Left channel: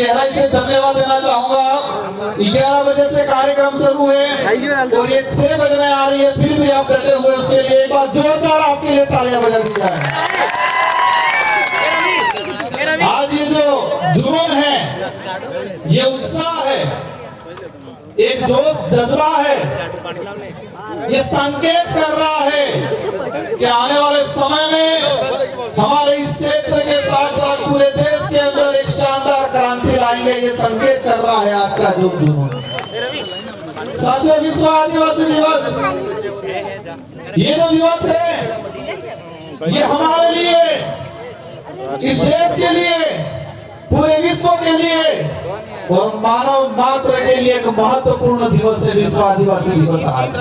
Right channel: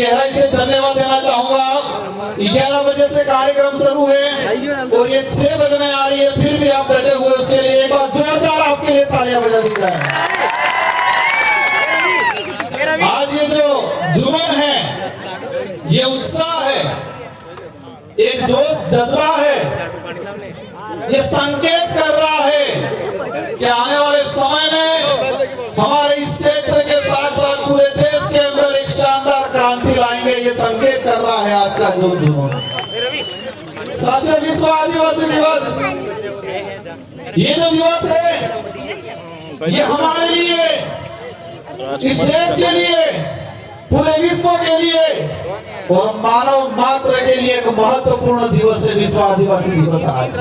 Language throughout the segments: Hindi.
गहराई से धन्यवाद देना चाहूंगा। 11 बजे से कार्यक्रम शुरू है और ये 6 बजने आ रही है, फिर भी आप डटे हुए, उसके लिए एक बार जोरदार आपके लिए तालियां बजा दी जाए। आज ये जो जुनून है, ये उत्साह है, एक जोश जज्बा है, ये संकेत कर रहा है कि आने वाले समय में हमारे इस क्षेत्र के साथ साथ पूरे देश के अंदर एक शानदार क्रांति लाएंगे। ये संकेत कर रहा है आज का जो जुनून। साथियों, विश्व आदिवासी दिवस, ये जो दिवस है, ये हमारे लिए, इस देश के लिए, पूरे विश्व के लिए और मानव मात्र के लिए एक महत्वपूर्ण दिवस है विश्व आदिवासी दिवस। आज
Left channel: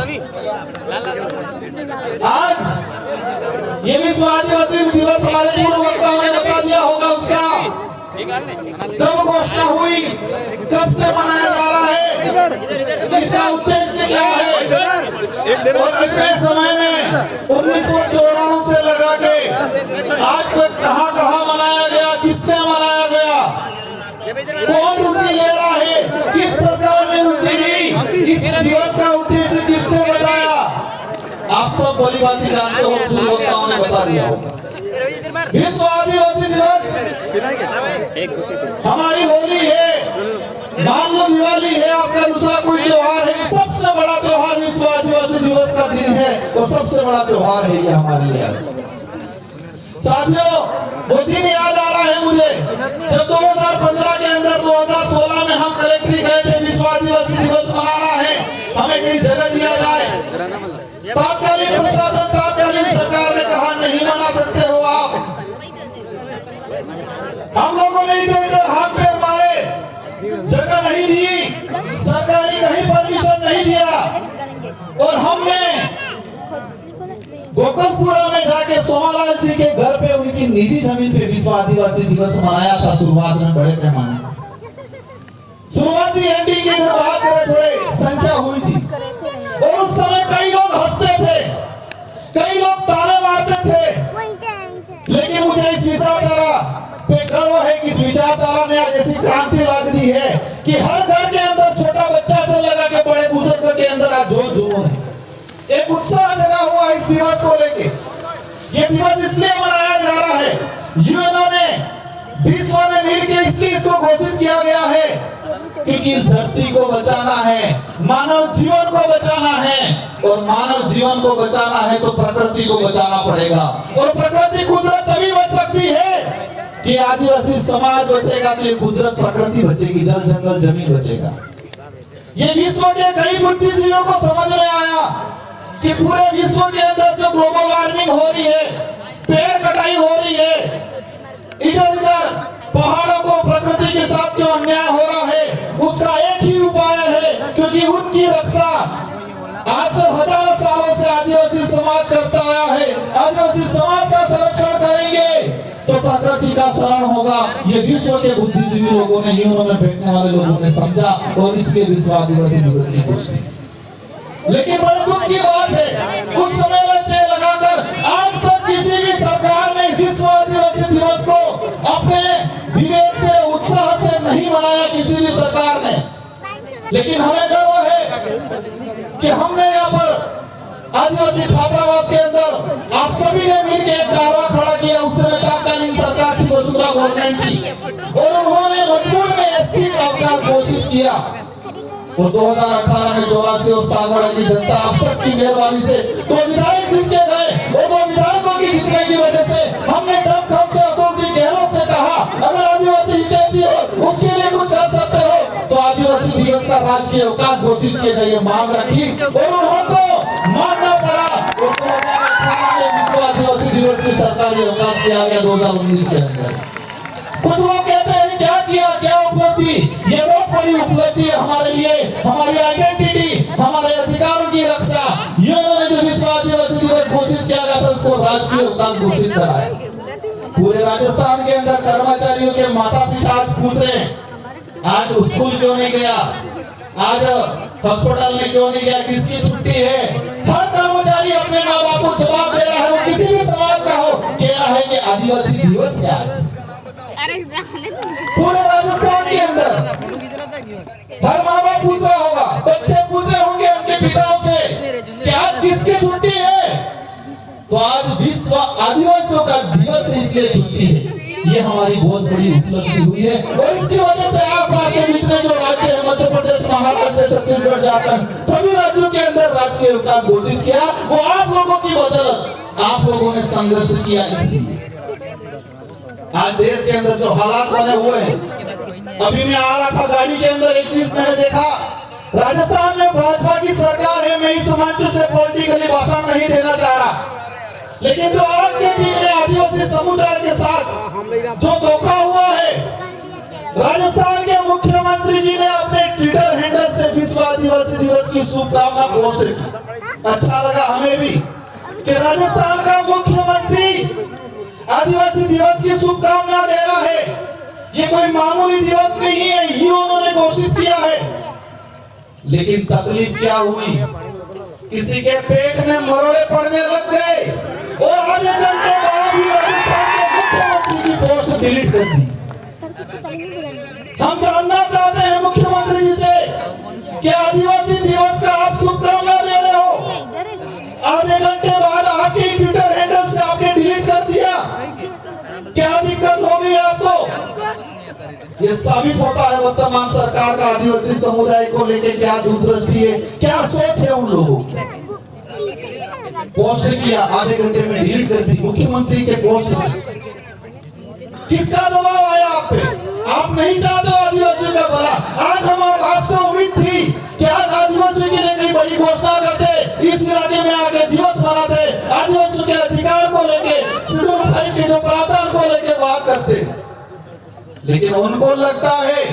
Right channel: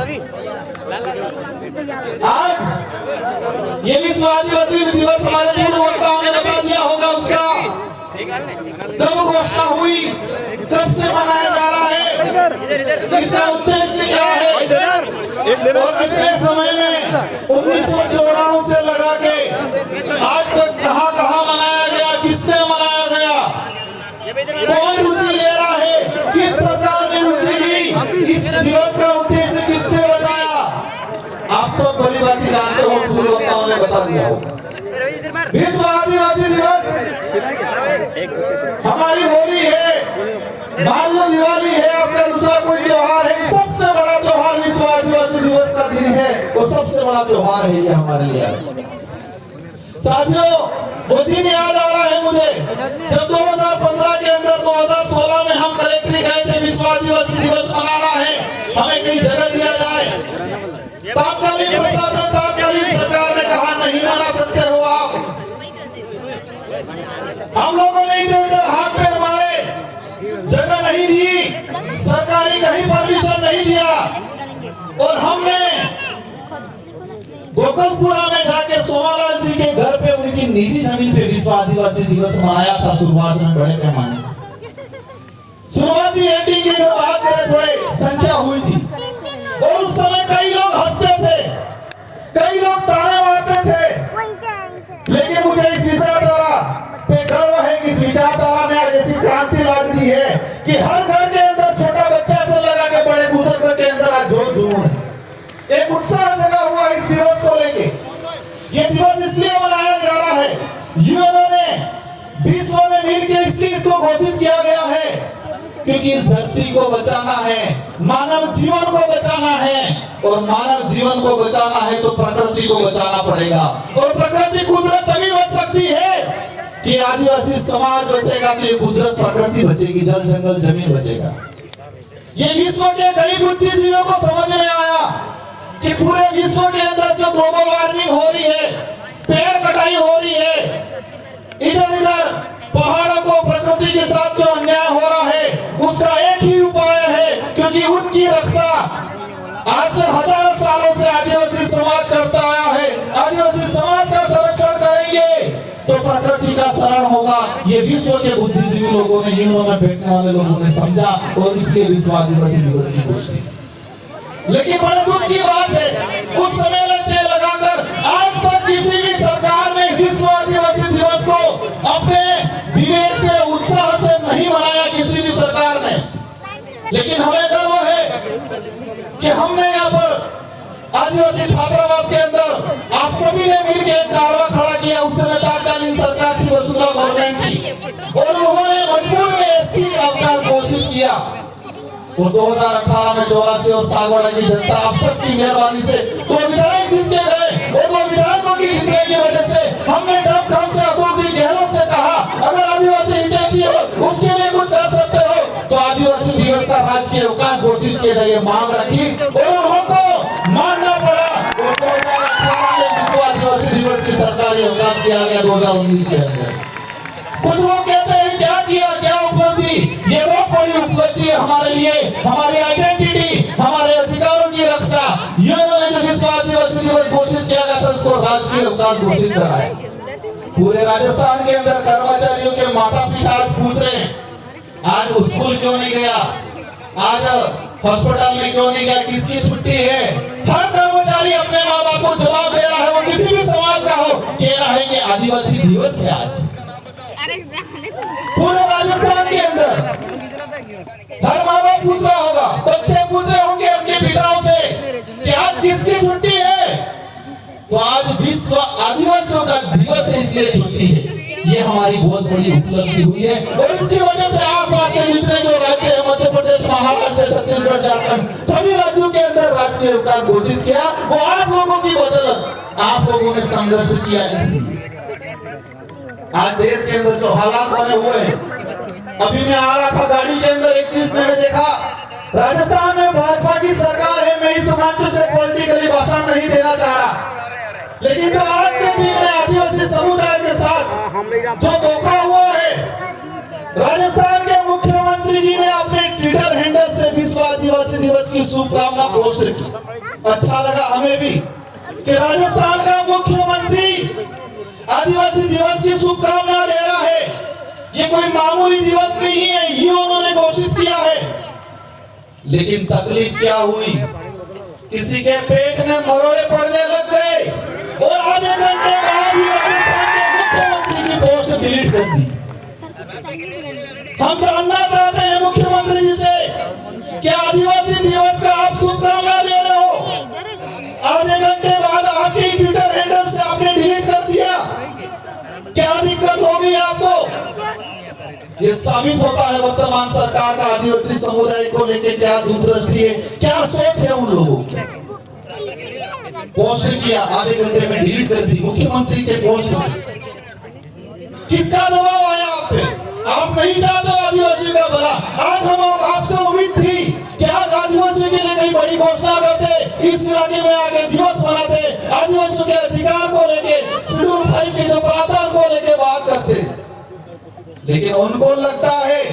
ये विश्व आदिवासी दिवस हमारे पूर्व वक्ताओं ने बता दिया होगा, उसका कब घोषणा हुई, कब से मनाया जा रहा है, इसका उद्देश्य क्या है और कितने समय में 1994 से लगा के आज तक कहां कहां मनाया गया, किसने मनाया गया, कौन रुचि ले रहा है, किस सरकार ने रुचि ली, इस दिवस का उद्देश्य किसने बताया, आप सब भली भांति जानते हो, पूर्व वक्ताओं ने बता दिया होगा। विश्व आदिवासी दिवस हमारी होली है, मान लो दिवाली है, आपका दूसरा कोई त्योहार है, सबसे बड़ा त्योहार विश्व आदिवासी दिवस का दिन है और सबसे बड़ा त्योहार है ये हमारे लिए। साथियों, वो दिन याद आ रहा है मुझे, जब 2015 के अंदर 2016 में हम कलेक्ट्री गए थे, विश्व आदिवासी दिवस मनाना है, हमें कहीं जगह दिया जाए। तात्कालीन प्रशासन, तात्कालीन सरकार ने कहा नहीं मना सकते हो आप। हम लोगों ने इधर उधर हाथ पैर मारे, जगह नहीं दी, सरकारी कहीं परमिशन नहीं दिया और हमने गोकुलपुरा में जाके सोमालाल जी के घर पे, उनकी निजी जमीन पे विश्व आदिवासी दिवस मनाया था शुरुआत में बड़े पैमाने। शुरुआती एंडिंग की अगर बात करें, थोड़े संख्या हुई थी और उस समय कई लोग हंसते थे, कई लोग ताने मारते थे, लेकिन मुझे इस विचारधारा पे गर्व है कि इस विचारधारा ने आज ऐसी क्रांति ला दी है कि हर घर के अंदर छोटा बच्चा से लगा के बड़े बुजुर्ग के अंदर आज जोश जुनून है, एक उत्साह जगा हुआ है इस दिवस को लेके। ये दिवस इसलिए मनाया जा रहा है, यूएनओ ने, विश्व ने मिलकर इसको घोषित किया गया है, क्योंकि इस धरती को बचाना है, मानव जीवन को बचाना है और मानव जीवन को बचाना है तो प्रकृति को बचाना पड़ेगा। और प्रकृति, कुदरत तभी बच सकती है कि आदिवासी समाज बचेगा तो ये कुदरत, प्रकृति बचेगी, जल जंगल जमीन बचेगा। ये विश्व के कई बुद्धिजीवियों को समझ में आया कि पूरे विश्व के अंदर जो ग्लोबल वार्मिंग हो रही है, पेड़ कटाई हो रही है, इधर उधर पहाड़ों को प्रकृति के साथ जो अन्याय हो रहा है, उसका एक ही उपाय है, क्योंकि उनकी रक्षा आज से हजारों सालों से आदिवासी समाज करता आया है। आदिवासी समाज का संरक्षण करेंगे तो प्रकृति का शरण होगा। ये विश्व के बुद्धिजीवी लोगों ने, यूएनओ में बैठने वाले लोगों ने समझा और इसलिए विश्व आदिवासी दिवस की घोषणा। लेकिन बड़े दुख की बात है, उस समय लगाकर आज तक किसी भी सरकार ने विश्व आदिवासी दिवस को अपने विवेक से, उत्साह से नहीं मनाया, किसी भी सरकार ने। लेकिन हमें गर्व है कि हमने यहाँ पर आदिवासी छात्रावास के अंदर आप सभी ने मिलकर एक कारवा खड़ा किया। उस समय तत्कालीन सरकार थी, वसुंधरा गवर्नमेंट की, और उन्होंने मजबूर में ऐच्छिक अवकाश घोषित किया। और 2018 में 84 और सागवाड़ा की जनता आप सबकी मेहरबानी से वो विधायक जीत के गए और वो विधायकों की जीतने की वजह से हमने ढंग से अशोक जी गहलोत से कहा, अगर आदिवासी हितैषी हो, उसके लिए कुछ कर सकते हो तो आदिवासी दिवस का राजकीय अवकाश घोषित किया जाए, मांग रखी और उनको मानना पड़ा। और 2018 में विश्व आदिवासी दिवस की सरकारी अवकाश किया गया 2019 के अंदर। कुछ लोग कहते हैं क्या किया, क्या उपलब्धि, ये बहुत बड़ी उपलब्धि है हमारे लिए, हमारी आइडेंटिटी, हमारे अधिकारों की रक्षा। यूएनओ ने जो विश्व आदिवासी दिवस घोषित किया गया था, उसको राजकीय अवकाश घोषित कराया। पूरे राजस्थान के अंदर कर्मचारियों के माता पिता आज पूछ रहे हैं, आज स्कूल क्यों नहीं गया, आज हॉस्पिटल में क्यों नहीं गया, किसकी छुट्टी है। हर कर्मचारी अपने माँ बाप को जवाब दे रहा है, वो किसी भी समाज का हो, कह रहा है कि आदिवासी दिवस है आज। पूरे राजस्थान के अंदर मिलती है। ये हमारी बहुत बड़ी उपलब्धि हुई है और इसकी वजह से आसपास के जितने जो राज्य है, मध्य प्रदेश, महाराष्ट्र, छत्तीसगढ़, झारखंड, सभी राज्यों के अंदर राजकीय अवकाश घोषित किया। वो आप लोगों की बदौलत, आप लोगों ने संघर्ष किया। इसलिए आज देश के अंदर जो हालात बने हुए हैं, अभी मैं आ रहा था गाड़ी के अंदर, एक चीज मैंने देखा, राजस्थान में भाजपा की सरकार है। मैं इस मंच से पॉलिटिकली भाषण नहीं देना चाह रहा, लेकिन जो आज के दिन में आदिवासी समुदाय के साथ जो धोखा हुआ है, राजस्थान के मुख्यमंत्री जी ने अपने ट्विटर हैंडल से विश्व आदिवासी दिवस की शुभकामना पोस्ट की। अच्छा लगा हमें भी कि राजस्थान का मुख्यमंत्री आदिवासी दिवस की शुभकामना दे रहा है। ये कोई मामूली दिवस नहीं है, ये उन्होंने घोषित किया है। लेकिन तकलीफ क्या हुई, किसी के पेट में मरोड़े पड़ने लग गए और आधे घंटे बाद ही राजस्थान के मुख्यमंत्री की पोस्ट डिलीट कर दी। हम जानना चाहते हैं मुख्यमंत्री जी से कि आदिवासी दिवस का आप शुभकामना दे रहे हो, आधे घंटे बाद आपके ट्विटर हैंडल से आपने डिलीट कर दिया, क्या दिक्कत हो गई आपको? ये साबित होता है वर्तमान सरकार का आदिवासी समुदाय को लेकर क्या दूरदृष्टि है, क्या सोच है उन लोगों की। पोस्ट किया, आधे घंटे में डिलीट कर दी मुख्यमंत्री के पोस्ट से। किसका दबाव आया आप पे? आप नहीं चाहते आदिवासियों का भला। आज हम आपसे उम्मीद थी कि आज आदिवासियों के लिए कई बड़ी घोषणा करते, इस इलाके में आके दिवस मनाते, आदिवासियों के अधिकार को लेके, शेड्यूल 5 के जो प्रावधान को लेके बात करते, लेकिन उनको लगता है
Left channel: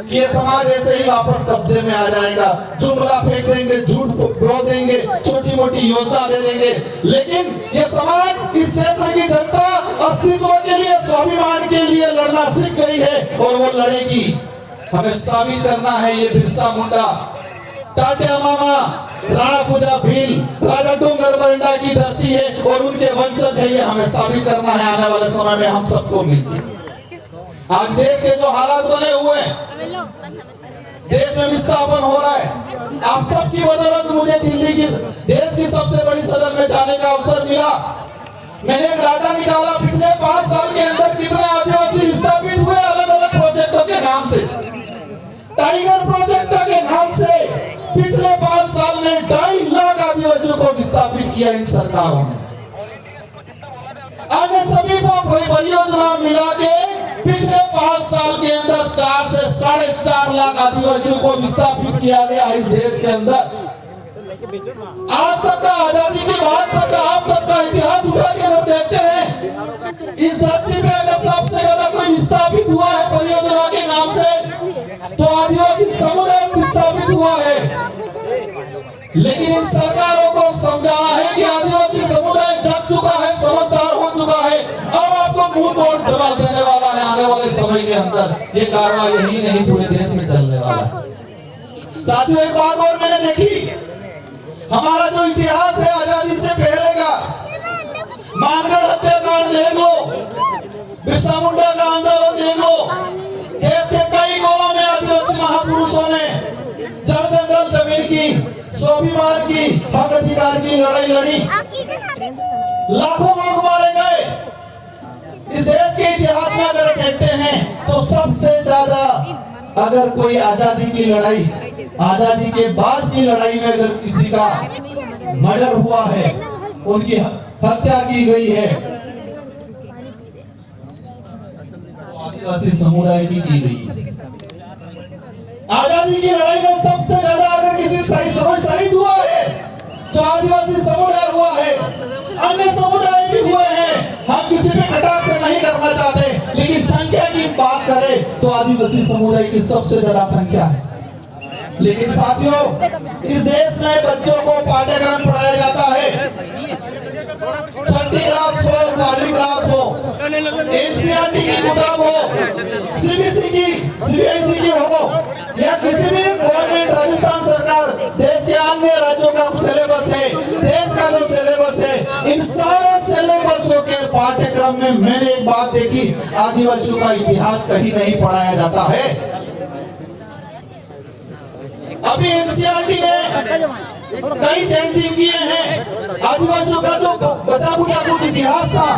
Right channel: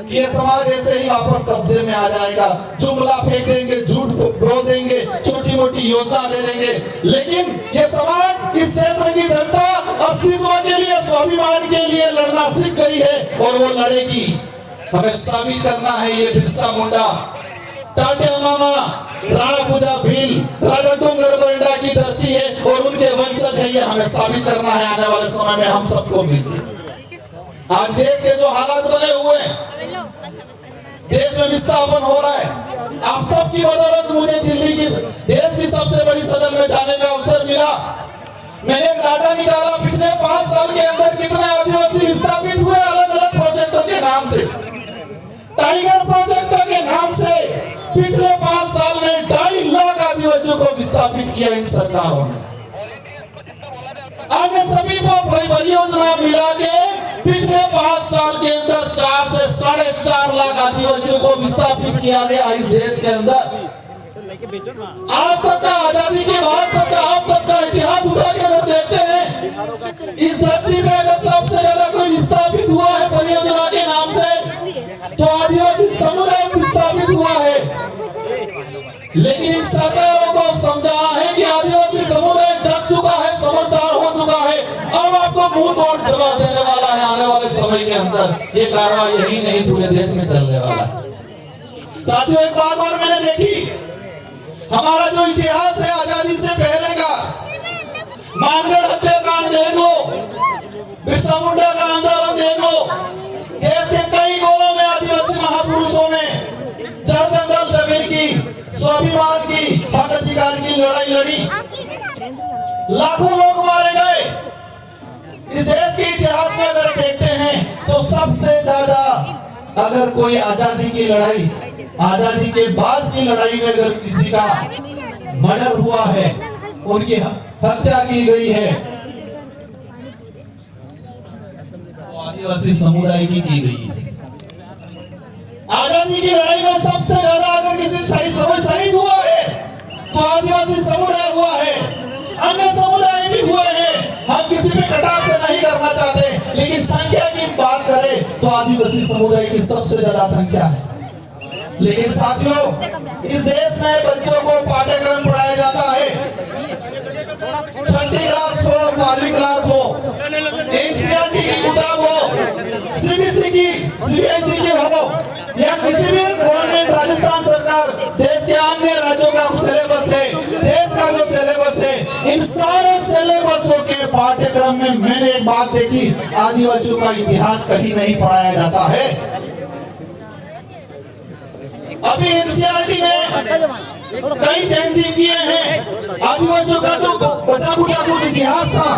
कि ये समाज ऐसे ही वापस कब्जे में आ जाएगा, जुमला फेंक देंगे, झूठ बोल देंगे, छोटी मोटी योजना दे देंगे। लेकिन ये समाज, इस क्षेत्र की जनता अस्तित्व के लिए, स्वाभिमान के लिए लड़ना सीख गई है और वो लड़ेगी। हमें साबित करना है ये बिरसा मुंडा, टाटिया मामा, राणा पूजा भील, राजा डूंगर मरंडा की धरती है और उनके वंशज है। ये हमें साबित करना है आने वाले समय में हम सबको मिलकर। आज देश के जो हालात बने हुए हैं, देश में विस्थापन हो रहा है, आप सबकी बदौलत मुझे दिल्ली की, देश की सबसे बड़ी सदन में जाने का अवसर मिला। मैंने एक डाटा निकाला, पिछले 5 साल के अंदर कितने आदिवासी विस्थापित हुए अलग अलग प्रोजेक्टों के नाम से। टाइगर प्रोजेक्ट के नाम से पिछले 5 साल में 2.5 लाख आदिवासियों को विस्थापित किया इन सरकारों ने। अन्य सभी परियोजना मिला के पिछले 5 साल के अंदर 4 से 4.5 लाख आदिवासियों को विस्थापित किया गया इस देश के अंदर। आज तक का, आजादी के बाद तक का, अब तक का इतिहास उठा के अगर देखते हैं, इस धरती पे अगर सबसे ज्यादा कोई विस्थापित हुआ है परियोजना के नाम से, तो आदिवासी समुदाय विस्थापित हुआ है। लेकिन इन सरकारों को अब समझाना है कि आदिवासी समुदाय जग चुका है, समझदार हो चुका है, अब आपको मुंह तोड़ जवाब देने वाला है आने वाले समय के अंदर। ये कार्रवाई यही नहीं, पूरे देश में चलने वाला है। साथियों, एक बात और मैंने देखी, हमारा जो इतिहास है आजादी से पहले का, मानगढ़ हत्याकांड देख लो, बिरसा मुंडा का आंदोलन देख लो, देश के कई कोनों में आदिवासी महापुरुषों ने जल जंगल जमीन की, स्वाभिमान की, हक अधिकार की लड़ाई लड़ी, लाखों लोग मारे गए। इस देश के इतिहास में अगर देखते हैं तो सबसे ज्यादा अगर कोई आजादी की लड़ाई, आजादी के बाद की लड़ाई में अगर किसी का मर्डर हुआ है, उनकी हत्या की गई है, तो आदिवासी समुदाय की गई है। आजादी की लड़ाई में सबसे ज्यादा अगर किसी शहीद हुआ है तो आदिवासी समुदाय हुआ है, अन्य समुदाय भी हुए हैं। हम किसी पे कटाक्ष नहीं करना चाहते, लेकिन संख्या की बात करें तो आदिवासी समुदाय की सबसे ज्यादा संख्या है। लेकिन साथियों, इस देश में बच्चों को पाठ्यक्रम पढ़ाया जाता है, 6ठी क्लास हो, 12वीं क्लास हो, एनसीईआरटी की किताब हो, सीबीएसई की, सीबीएसई की हो, या किसी भी गवर्नमेंट, राजस्थान सरकार, देश के अन्य राज्यों का सिलेबस है, देश का जो सिलेबस है, इन सारे सिलेबसों के पाठ्यक्रम में मैंने एक बात देखी, आदिवासियों का इतिहास कहीं नहीं पढ़ाया जाता है। अभी एनसीईआरटी में कई जयंती किए हैं। आदिवासियों का जो बचा बुचा कुछ इतिहास था,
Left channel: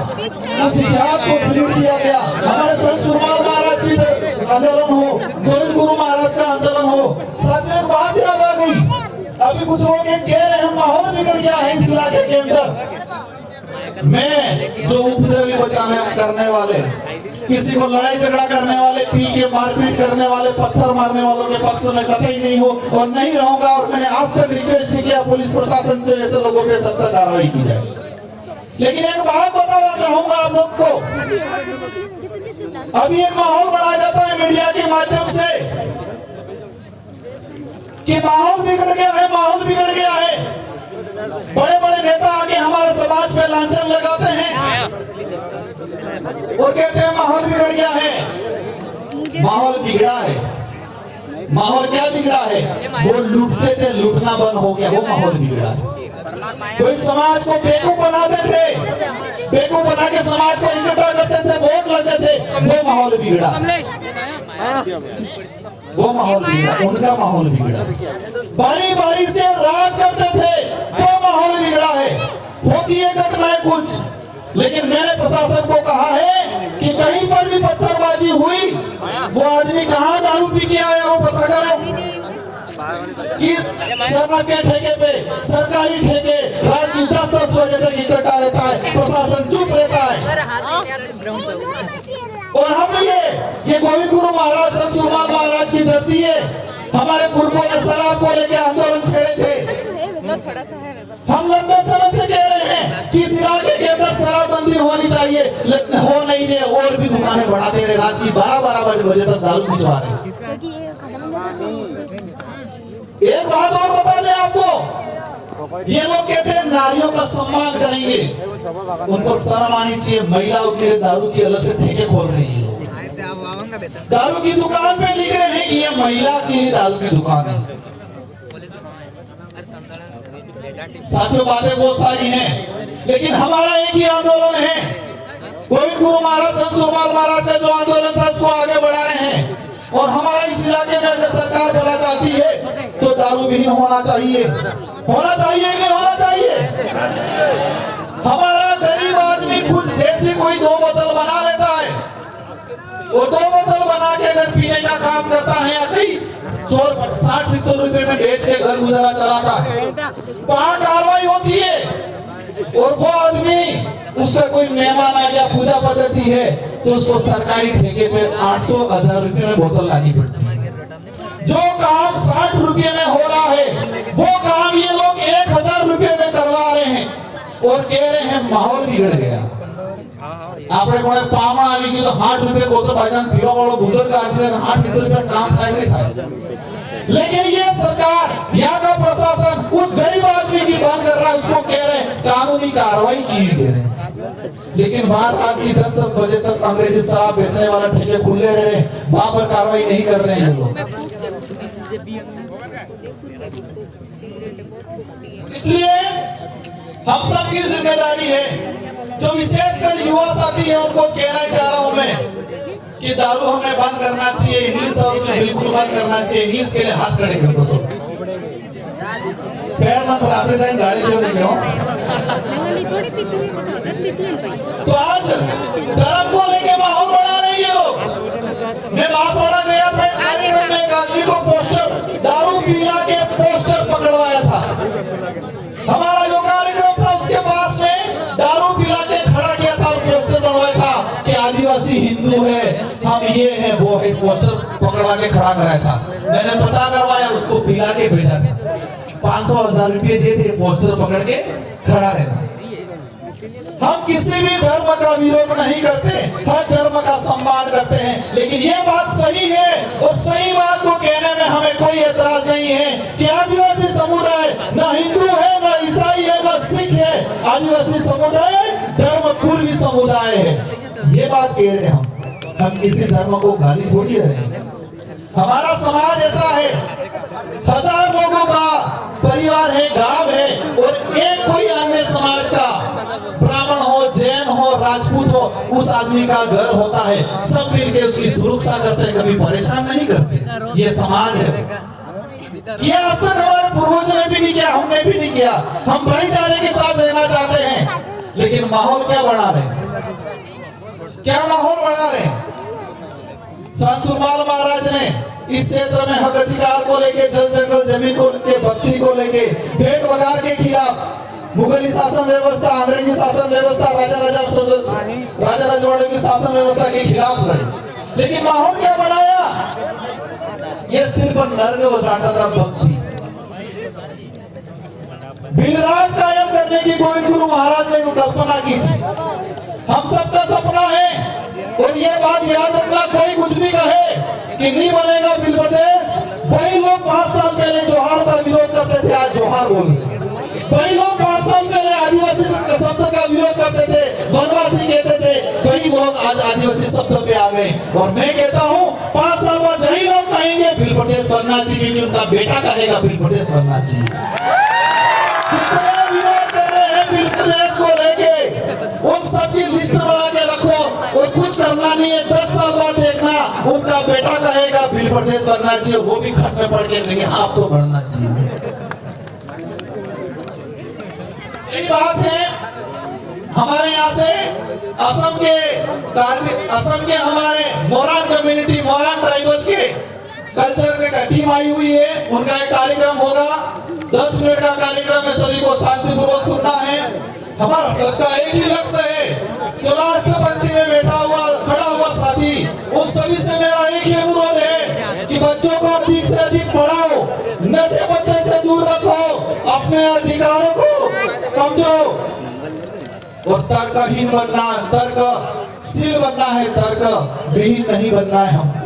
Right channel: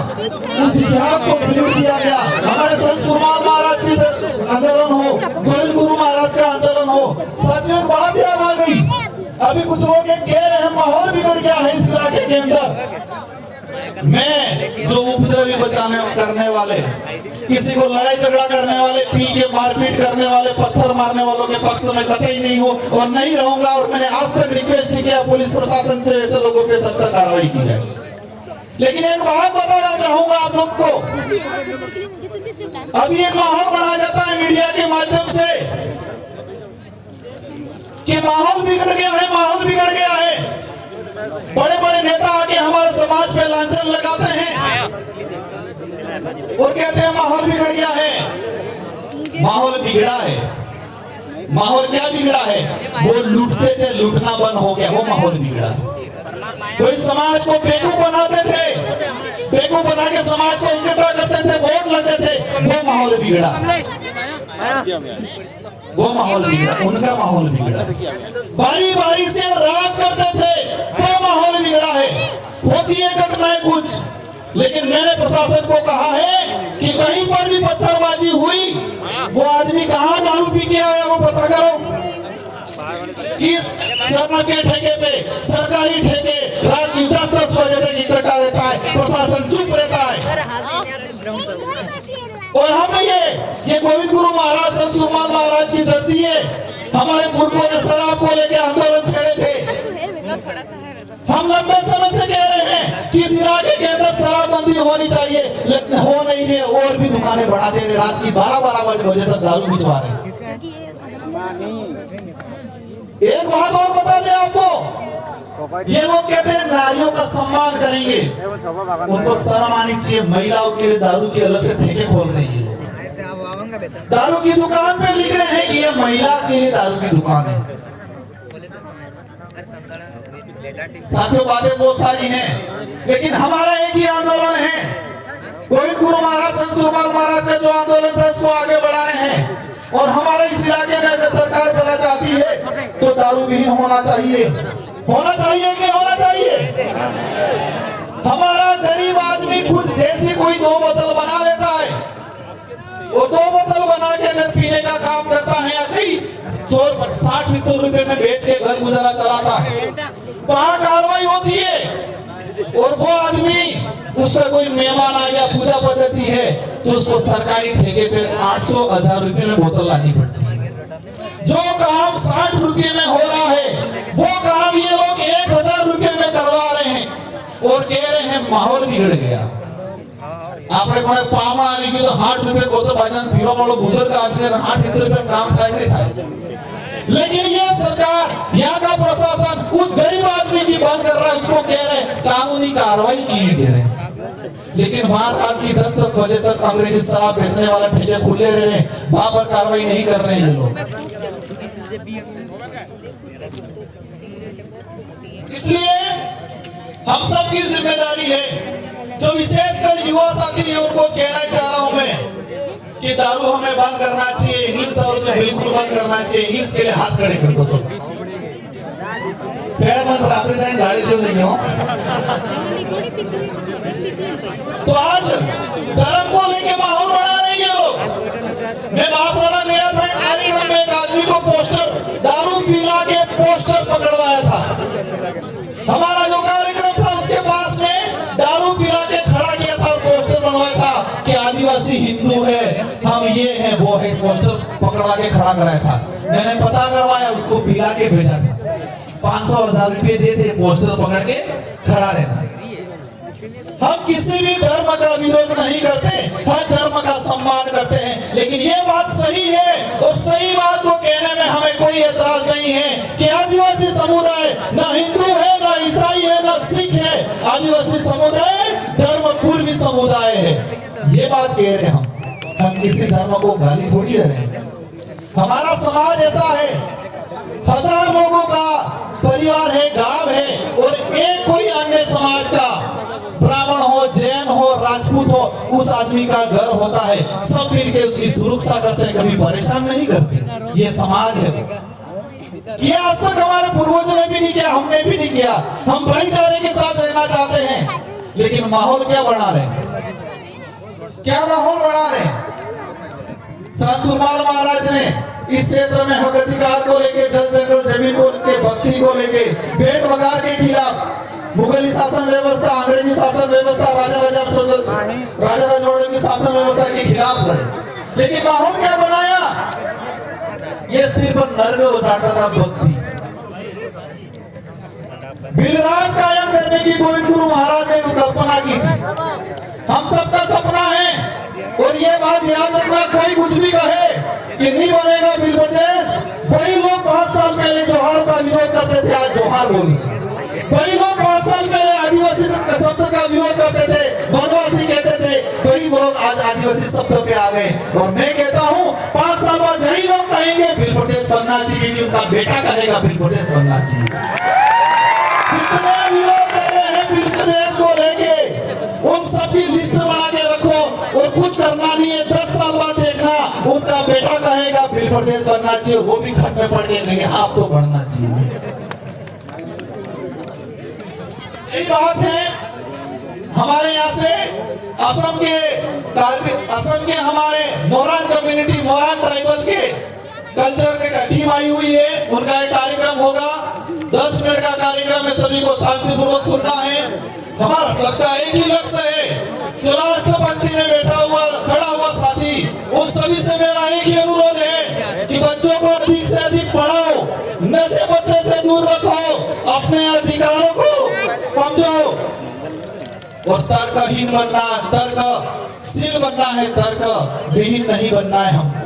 उस इतिहास को स्मृत किया गया। हमारे संत सुरमाल महाराज की आंदोलन हो, गोविंद गुरु महाराज का आंदोलन हो, साथियों एक बात याद आ गई। अभी कुछ लोग कह रहे हैं माहौल बिगड़ गया है इस इलाके के अंदर। मैं जो उपद्रवी बचाने करने वाले, किसी को लड़ाई झगड़ा करने वाले, पी के मारपीट करने वाले, पत्थर मारने वालों के पक्ष में कतई नहीं हो और नहीं रहूंगा। और मैंने आज तक रिक्वेस्ट किया पुलिस प्रशासन से ऐसे लोगों पे सख्त कार्रवाई की जाए। लेकिन एक बात बताना चाहूंगा आप लोग को, अभी एक माहौल बनाया जाता है मीडिया के माध्यम से कि माहौल बिगड़ गया है, माहौल बिगड़ गया है। बड़े बड़े नेता आके हमारे समाज पे लांछन लगाते हैं और कहते हैं माहौल बिगड़ गया है। माहौल बिगड़ा है। माहौल क्या बिगड़ा है? वो लूटते थे, लूटना बंद हो गया, वो माहौल बिगड़ा है। कोई समाज को बेवकूफ बनाते थे, बेवकूफ बना के समाज को इकट्ठा करते थे, वोट लगते थे, वो माहौल बिगड़ा। वो माहौल बिगड़ा, उनका माहौल बिगड़ा। बारी बारी से राज करते थे, वो माहौल बिगड़ा है। होती है घटनाएं कुछ, लेकिन मैंने प्रशासन को कहा है कि कहीं पर भी पत्थरबाजी हुई, वो आदमी कहाँ दारू पी के आया वो पता करो। इस सभा के ठेके पे, सरकारी ठेके, रात की 10-10 बजे तक इकट्ठा रहता है, प्रशासन चुप रहता है। और हम ये गोविंद गुरु महाराज, संत सुरमाल महाराज की धरती है। हमारे पूर्वों ने शराब को लेकर आंदोलन छेड़े थे। हम लंबे समय से कह रहे हैं कि इस इलाके के अंदर शराबबंदी होनी चाहिए, लेकिन हो नहीं रहे। और भी दुकानें बढ़ा दे रहे, रात की 12-12 बजे तक दारू पिछवा रहे। एक बात और बता दें आपको, ये लोग कहते हैं नारियों का सम्मान करेंगे, उनको शर्म आनी चाहिए। महिलाओं के लिए दारू की अलग से ठेके खोल रहे हैं। दारू की दुकान पे लिख रहे हैं कि ये महिला के लिए दारू की दुकान है। साथियों बातें बहुत सारी हैं, लेकिन हमारा एक ही आंदोलन है। गोविंद गुरु महाराज, संत सुरमाल महाराज का जो आंदोलन था उसको आगे बढ़ा रहे हैं। और हमारे इस इलाके में अगर सरकार भला चाहती है तो दारू विहीन होना चाहिए। होना चाहिए कि नहीं होना चाहिए? हमारा गरीब आदमी खुद देसी कोई 2 बोतल बना लेता है, वो 2 बोतल बना के अगर पीने का काम करता है या कई 60-70 रुपए में बेच के घर गुजारा चलाता है, वहां कार्रवाई होती है। और वो आदमी, उसका कोई मेहमान आ गया, पूजा पद्धति है, तो उसको सरकारी ठेके पे 800-1000 रुपए में बोतल लानी पड़ती है। जो काम 60 रुपए में हो रहा है, वो काम ये लोग 1000 रुपए में करवा रहे हैं और कह रहे हैं माहौल बिगड़ गया। આપણે કોને પામા આવી ગયું તો 60 રૂપિયા બોતલ ભાઈજાન પીવા વાળો બુजुर्ग आदमी 60 રૂપિયા काम થાય કે થાય। लेकिन ये सरकार, यहाँ का प्रशासन उस गरीब आदमी की बंद कर रहा है, उसको कह रहे हैं कानूनी कार्रवाई की कह रहे हैं। लेकिन वहां रात की 10-10 बजे तक अंग्रेजी शराब बेचने वाला ठेके खुले रह रहे हैं, वहां पर कार्रवाई नहीं कर रहे हैं ये लोग। इसलिए हम सबकी जिम्मेदारी है, जो विशेषकर युवा साथी हैं उनको कहना चाह रहा हूं मैं कि दारू हमें बंद करना चाहिए। इंग्लिश दारू तो बिल्कुल बंद करना चाहिए। इंग्लिश के लिए हाथ खड़े कर दो सब। पैर मन रात जाए गाड़ी क्यों नहीं हो? तो आज धर्म को लेके माहौल बना रहे हैं लोग। मैं बांसवाड़ा गया था, एक कार्यक्रम में एक आदमी को पोस्टर, दारू पिला के पोस्टर पकड़वाया था। हमारा जो कार्यक्रम था उसके पास में दारू पिला के खड़ा किया था और पोस्टर बनवाया था कि आदिवासी हिंदू है, हम ये हैं वो है। पोस्टर पकड़वा के खड़ा कराया था। मैंने पता करवाया, उसको पिला के भेजा था। 500-1000 रुपये दे थे, पोस्टर पकड़ के खड़ा रहना। हम किसी भी धर्म का विरोध नहीं करते, हर धर्म का सम्मान करते हैं। लेकिन ये बात सही है और सही बात को कहने में हमें कोई एतराज नहीं है कि आदिवासी समुदाय न हिंदू है, न ईसाई है, न सिख है। आदिवासी समुदाय धर्म पूर्वी समुदाय है। ये बात कह रहे हैं हम किसी धर्म को गाली थोड़ी दे रहे हैं। हमारा समाज ऐसा है, 1000 लोगों का परिवार है, गांव है, और एक कोई अन्य समाज का, ब्राह्मण हो, जैन हो, राजपूत हो, उस आदमी का घर होता है। सब मिलके उसकी सुरक्षा करते हैं, कभी परेशान नहीं करते। ये समाज है। ये आज तक हमारे पूर्वजों ने भी नहीं किया, हमने भी नहीं किया। हम भाईचारे के साथ रहना चाहते हैं, लेकिन माहौल क्या बना रहे, क्या माहौल बना रहे। संत सुरमाल महाराज ने इस क्षेत्र में हक अधिकार को लेके, जल जंगल जमीन को लेके, भक्ति को लेके, भेंट वगार के खिलाफ मुगली शासन व्यवस्था, अंग्रेजी शासन व्यवस्था, राजा रजवाड़ों की शासन व्यवस्था के खिलाफ लड़े। लेकिन माहौल क्या बनाया, ये सिर्फ नर्क बसाता था भक्ति। बिलराज कायम करने की गोविंद गुरु महाराज ने कल्पना की थी। हम सबका सपना है, और ये बात याद रखना, कोई कुछ भी कहे कि नहीं बनेगा बिल प्रदेश, वही लोग 5 साल पहले जोहार का विरोध करते थे, आज जोहार बोल रहे। वही लोग 5 साल पहले आदिवासी शब्द का विरोध करते थे, वनवासी कहते थे, वही लोग आज आदिवासी शब्द पे आ गए। और मैं कहता हूँ 5 साल बाद यही लोग कहेंगे बिल प्रदेश बनना चाहिए, क्योंकि उनका बेटा कहेगा बिल प्रदेश बनना चाहिए। कितने विरोध कर रहे हैं बिल प्रदेश को लेके, उन सबकी लिस्ट बना के रखो, और कुछ करना नहीं है। 10 साल बाद देखना उनका बेटा कहेगा बिल प्रदेश बनना चाहिए, वो भी खट में पड़ के कहेंगे आप तो बनना चाहिए। यही बात है। हमारे यहाँ से असम के हमारे मोरान कम्युनिटी, मोरान ट्राइबल के कल्चर के टीम आई हुई है। उनका एक कार्यक्रम होगा, 10 मिनट का कार्यक्रम है, सभी को शांतिपूर्वक सुनना है। हमारा सबका एक ही लक्ष्य है, जो लास्ट पंक्ति में खड़ा हुआ साथी, उन सभी से मेरा एक ही अनुरोध है कि बच्चों को अधिक से अधिक पढ़ाओ, नशे पत्ते से दूर रखो, अपने अधिकारों को समझो, और तर्कहीन बनना, तर्कशील बनना है, तर्क विहीन नहीं बनना है। हम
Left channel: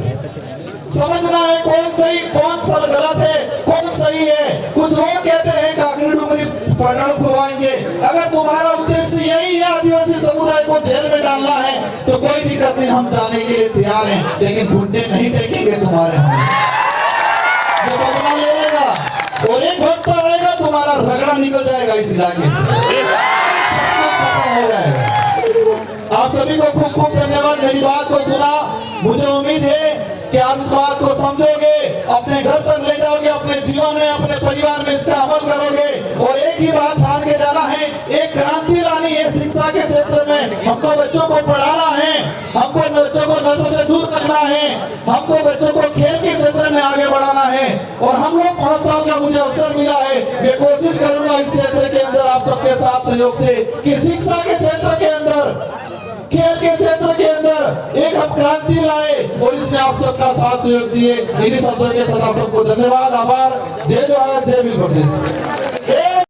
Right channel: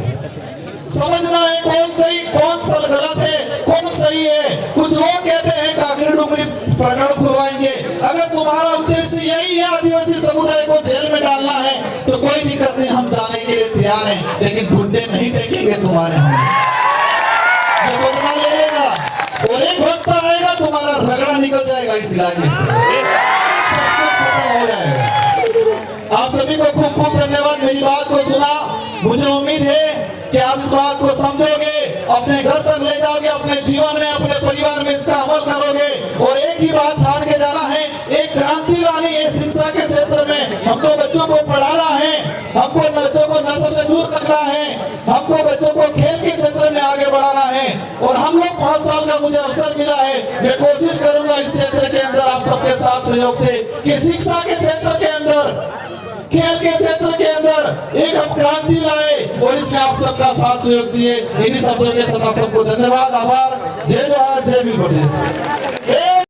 समझना है कौन सा गलत है, कौन सही है। कुछ लोग कहते हैं काकरी डुंगरी प्रकरण खुलवाएंगे। अगर तुम्हारा उद्देश्य यही है आदिवासी समुदाय को जेल में डालना है, तो कोई दिक्कत नहीं, हम जाने के लिए तैयार हैं, लेकिन घुटने नहीं टेकेंगे तुम्हारे। हम ये बदला ले लेगा, और एक वक्त आएगा तुम्हारा रगड़ा निकल जाएगा इस इलाके से, सब कुछ खत्म हो जाएगा। आप सभी को खूब खूब धन्यवाद मेरी बात को सुना। मुझे उम्मीद है कि आप इस बात को समझोगे, अपने घर तक ले जाओगे, अपने जीवन में, अपने परिवार में इसका अमल करोगे। और एक ही बात ठान के जाना है, एक क्रांति लानी है शिक्षा के क्षेत्र में। हमको बच्चों को पढ़ाना है, हमको बच्चों को नशे से दूर रखना है, हमको बच्चों को खेल के क्षेत्र में आगे बढ़ाना है। और हम लोग 5 साल का मुझे अवसर मिला है, मैं कोशिश करूंगा इस क्षेत्र के अंदर आप सबके साथ सहयोग से कि शिक्षा के क्षेत्र के अंदर, खेल के क्षेत्र के अंदर एक हम क्रांति लाए, और इसमें आप सबका साथ सहयोग दिए। इन्हीं शब्दों के साथ आप सबको धन्यवाद, आभार। जय जोहार, जय बिल प्रदेश।